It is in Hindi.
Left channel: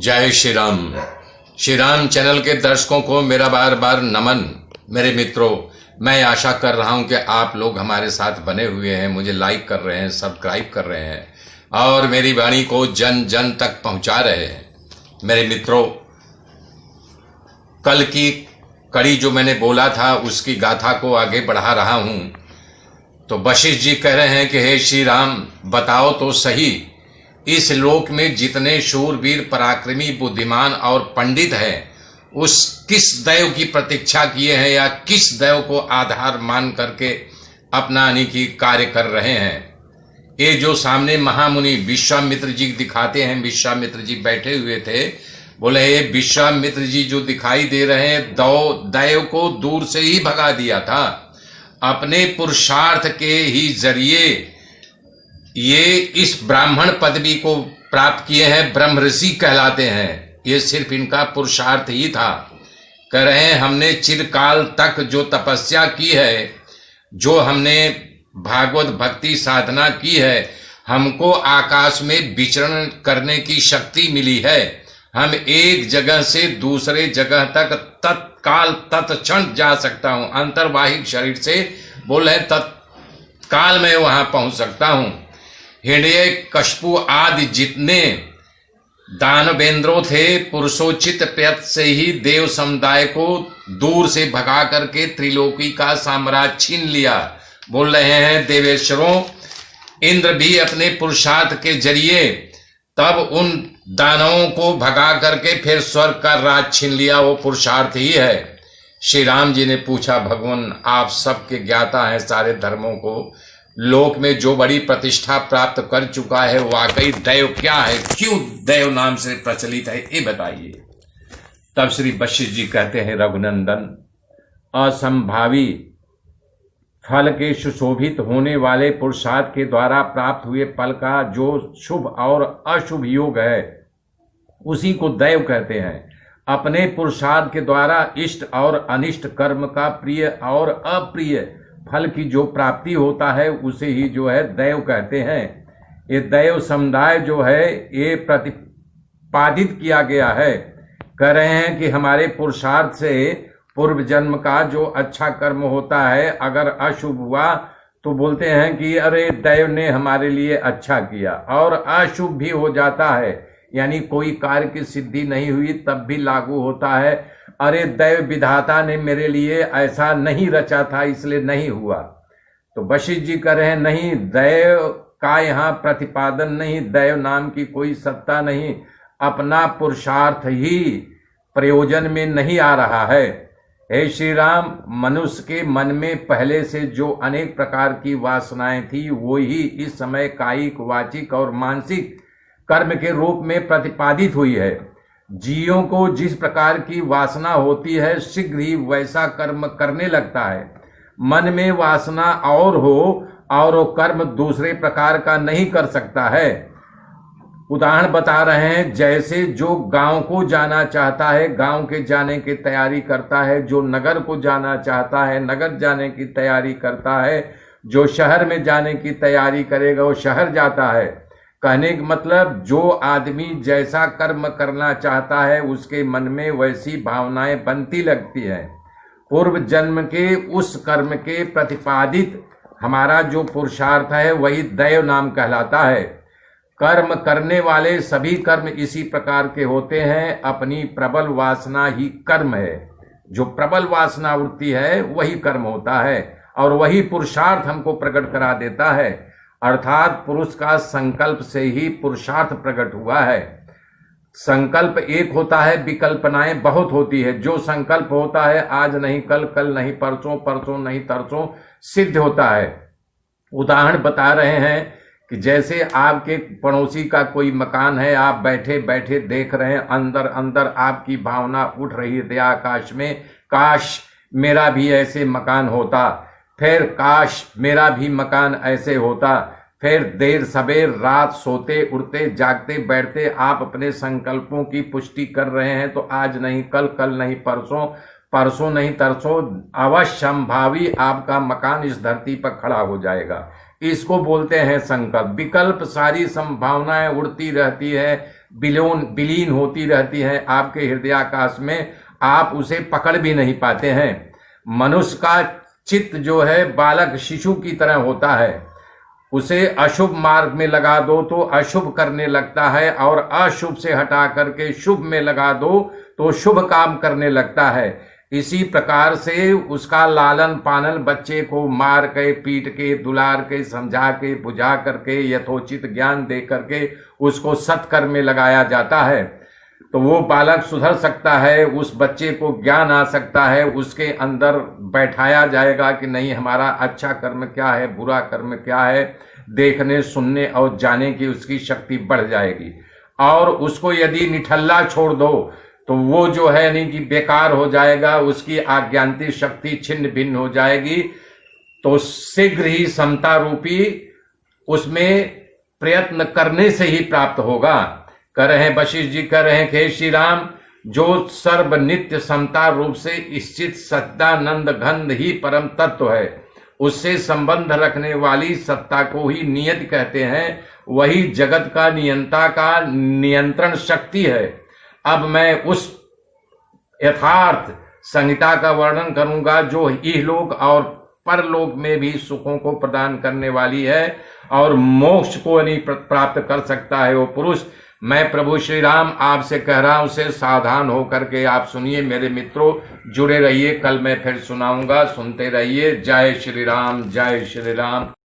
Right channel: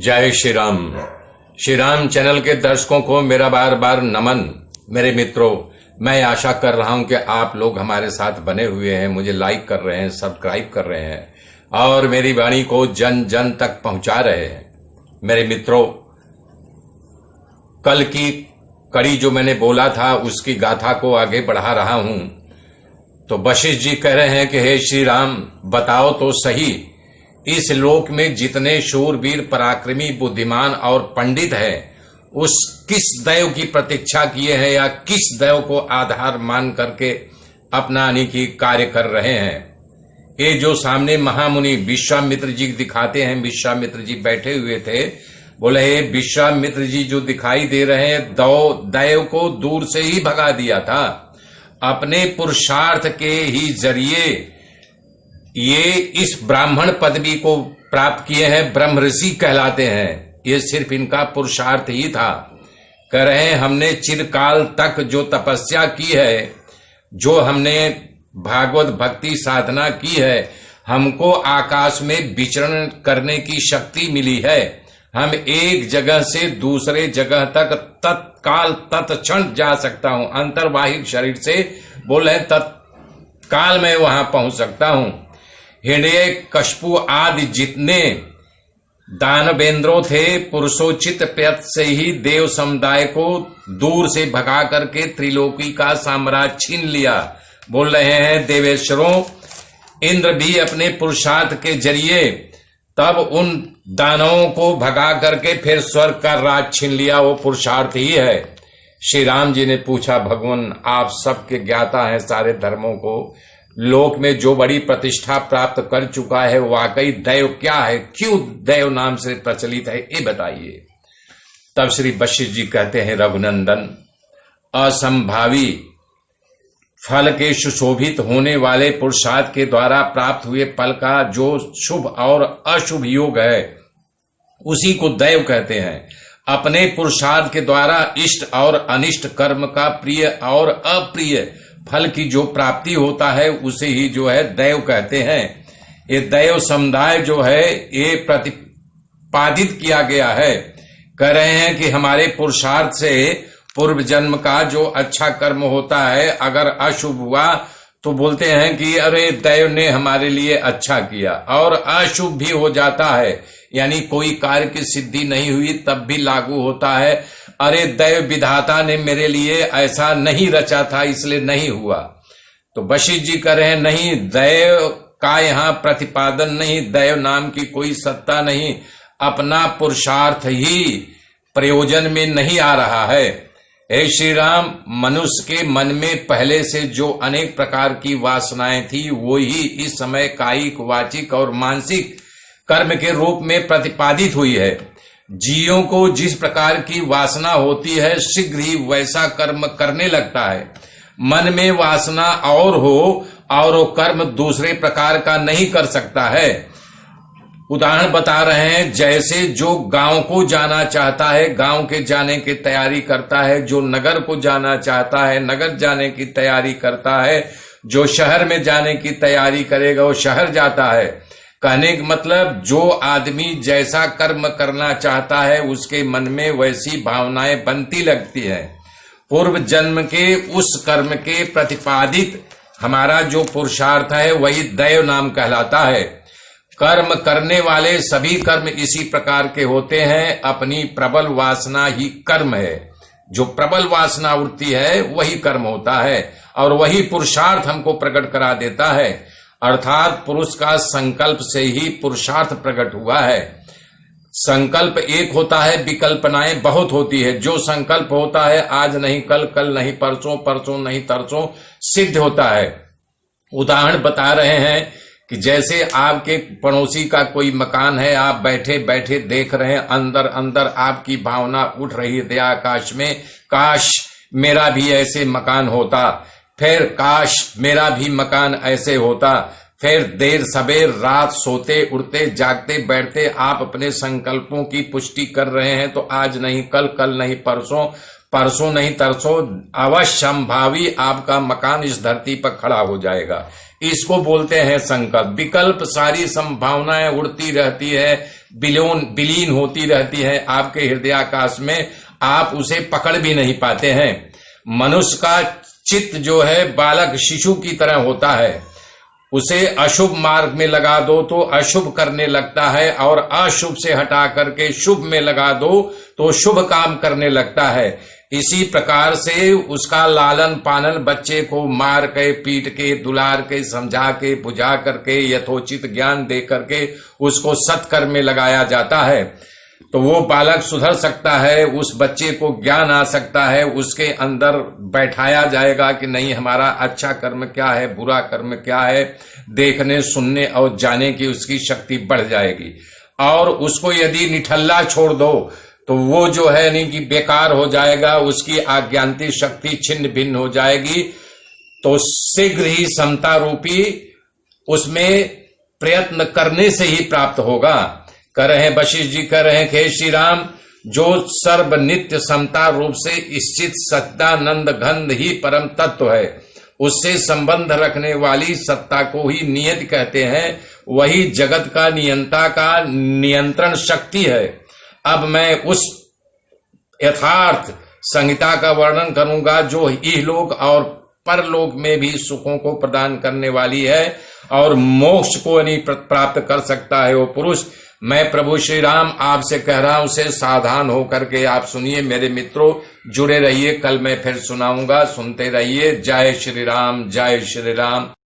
जय श्री राम। श्री राम चैनल के दर्शकों को मेरा बार बार नमन। मेरे मित्रों, मैं आशा कर रहा हूं कि आप लोग हमारे साथ बने हुए हैं, मुझे लाइक कर रहे हैं, सब्सक्राइब कर रहे हैं और मेरी वाणी को जन जन तक पहुंचा रहे हैं। मेरे मित्रों, कल की कड़ी जो मैंने बोला था उसकी गाथा को आगे बढ़ा रहा हूं। तो वशिष्ठ जी कह रहे हैं कि हे श्री राम, बताओ तो सही, इस लोक में जितने शूरवीर, पराक्रमी, बुद्धिमान और पंडित हैं, उस किस दैव की प्रतीक्षा किए हैं या किस दैव को आधार मान करके अपनाने की कार्य कर रहे हैं। ये जो सामने महामुनि विश्वामित्र जी दिखाते हैं, विश्वामित्र जी बैठे हुए थे, बोले हे विश्वामित्र जी जो दिखाई दे रहे हैं, दैव को दूर से ही भगा दिया था। अपने पुरुषार्थ के ही जरिए ये इस ब्राह्मण पदवी को प्राप्त किए हैं, ब्रह्म ऋषि कहलाते हैं। ये सिर्फ इनका पुरुषार्थ ही था। कह रहे हैं हमने चिरकाल तक जो तपस्या की है, जो हमने भागवत भक्ति साधना की है, हमको आकाश में विचरण करने की शक्ति मिली है। हम एक जगह से दूसरे जगह तक तत्काल तत्क्षण जा सकता हूं। अंतर्वाहिक शरीर से बोले तत्काल में वहां पहुंच सकता हूं। हिरण्यकशिपु आदि जितने दानवेंद्रों थे, पुरुषोचित प्रयत्न से ही देव समुदाय को दूर से भगा करके त्रिलोकी का साम्राज्य छीन लिया। बोल रहे हैं देवेश्वरों, इंद्र भी अपने पुरुषार्थ के जरिए तब उन दानवों को भगा करके फिर स्वर्ग का राज छीन लिया। वो पुरुषार्थ ही है। श्री राम जी ने पूछा, भगवान आप सबके ज्ञाता हैं सारे धर्मों को, लोक में जो बड़ी प्रतिष्ठा प्राप्त कर चुका है, वाकई दैव क्या है, क्यों दैव नाम से प्रचलित है, ये बताइए। तब श्री वशिष्ठ जी कहते हैं, रघुनंदन, असंभावी फल के सुशोभित होने वाले पुरुषार्थ के द्वारा प्राप्त हुए फल का जो शुभ और अशुभ योग है, उसी को दैव कहते हैं। अपने पुरुषार्थ के द्वारा इष्ट और अनिष्ट कर्म का प्रिय और अप्रिय फल की जो प्राप्ति होता है, उसे ही जो है दैव कहते हैं। ये दैव समुदाय जो है ये प्रतिपादित किया गया है। कह रहे हैं कि हमारे पुरुषार्थ से पूर्व जन्म का जो अच्छा कर्म होता है, अगर अशुभ हुआ तो बोलते हैं कि अरे दैव ने हमारे लिए अच्छा किया, और अशुभ भी हो जाता है, यानी कोई कार्य की सिद्धि नहीं हुई तब भी लागू होता है, अरे दैव विधाता ने मेरे लिए ऐसा नहीं रचा था इसलिए नहीं हुआ। तो वशिष्ठ जी कह रहे हैं, नहीं, दैव का यहाँ प्रतिपादन नहीं, दैव नाम की कोई सत्ता नहीं, अपना पुरुषार्थ ही प्रयोजन में नहीं आ रहा है। हे श्री राम, मनुष्य के मन में पहले से जो अनेक प्रकार की वासनाएं थी, वो ही इस समय कायिक, वाचिक और मानसिक कर्म के रूप में प्रतिपादित हुई है। जीवों को जिस प्रकार की वासना होती है, शीघ्र ही वैसा कर्म करने लगता है। मन में वासना और हो और वो कर्म दूसरे प्रकार का नहीं कर सकता है। उदाहरण बता रहे हैं, जैसे जो गांव को जाना चाहता है, गांव के जाने की तैयारी करता है, जो नगर को जाना चाहता है, नगर जाने की तैयारी करता है, जो शहर में जाने की तैयारी करेगा वो शहर जाता है। कहने का मतलब, जो आदमी जैसा कर्म करना चाहता है उसके मन में वैसी भावनाएं बनती लगती हैं। पूर्व जन्म के उस कर्म के प्रतिपादित हमारा जो पुरुषार्थ है वही दैव नाम कहलाता है। कर्म करने वाले सभी कर्म इसी प्रकार के होते हैं। अपनी प्रबल वासना ही कर्म है। जो प्रबल वासना उठती है वही कर्म होता है और वही पुरुषार्थ हमको प्रकट करा देता है। अर्थात पुरुष का संकल्प से ही पुरुषार्थ प्रकट हुआ है। संकल्प एक होता है, विकल्पनाएं बहुत होती है। जो संकल्प होता है आज नहीं कल, कल नहीं परसों, परसों नहीं तरसों सिद्ध होता है। उदाहरण बता रहे हैं कि जैसे आपके पड़ोसी का कोई मकान है, आप बैठे बैठे देख रहे हैं, अंदर अंदर आपकी भावना उठ रही है आकाश में, काश मेरा भी ऐसे मकान होता, फिर काश मेरा भी मकान ऐसे होता। फिर देर सबेर रात सोते उठते जागते बैठते आप अपने संकल्पों की पुष्टि कर रहे हैं। तो आज नहीं कल, कल नहीं परसों, परसों नहीं तरसों अवश्यंभावी आपका मकान इस धरती पर खड़ा हो जाएगा। इसको बोलते हैं संकल्प। विकल्प सारी संभावनाएं उड़ती रहती है, विलीन होती रहती है आपके हृदयाकाश में, आप उसे पकड़ भी नहीं पाते हैं। मनुष्य का चित्त जो है बालक शिशु की तरह होता है, उसे अशुभ मार्ग में लगा दो तो अशुभ करने लगता है, और अशुभ से हटा करके शुभ में लगा दो तो शुभ काम करने लगता है। इसी प्रकार से उसका लालन पालन बच्चे को मार के, पीट के, दुलार के, समझा के, बुझा करके, यथोचित ज्ञान दे करके उसको सत्कर्म में लगाया जाता है, तो वो बालक सुधर सकता है, उस बच्चे को ज्ञान आ सकता है, उसके अंदर बैठाया जाएगा कि नहीं हमारा अच्छा कर्म क्या है, बुरा कर्म क्या है, देखने सुनने और जाने की उसकी शक्ति बढ़ जाएगी। और उसको यदि निठल्ला छोड़ दो तो वो जो है नहीं कि बेकार हो जाएगा, उसकी आज्ञान्ति शक्ति छिन्न भिन्न हो जाएगी। तो शीघ्र ही समता रूपी उसमें प्रयत्न करने से ही प्राप्त होगा। कह रहे हैं वशिष्ठ जी, कह रहे हैं कि हे श्री राम, जो सर्व नित्य समता रूप से स्थित सच्चिदानंद घन ही परम तत्व है, उससे संबंध रखने वाली सत्ता को ही नियति कहते हैं। वही जगत का नियंता का नियंत्रण शक्ति है। अब मैं उस यथार्थ संहिता का वर्णन करूंगा जो इहलोक और परलोक में भी सुखों को प्रदान करने वाली है और मोक्ष को नहीं प्राप्त कर सकता है वो पुरुष। मैं प्रभु श्री राम आपसे कह रहा हूं, उसे सावधान होकर के आप सुनिए मेरे मित्रों, जुड़े रहिए, कल मैं फिर सुनाऊंगा, सुनते रहिए। जय श्री राम, जय श्री राम।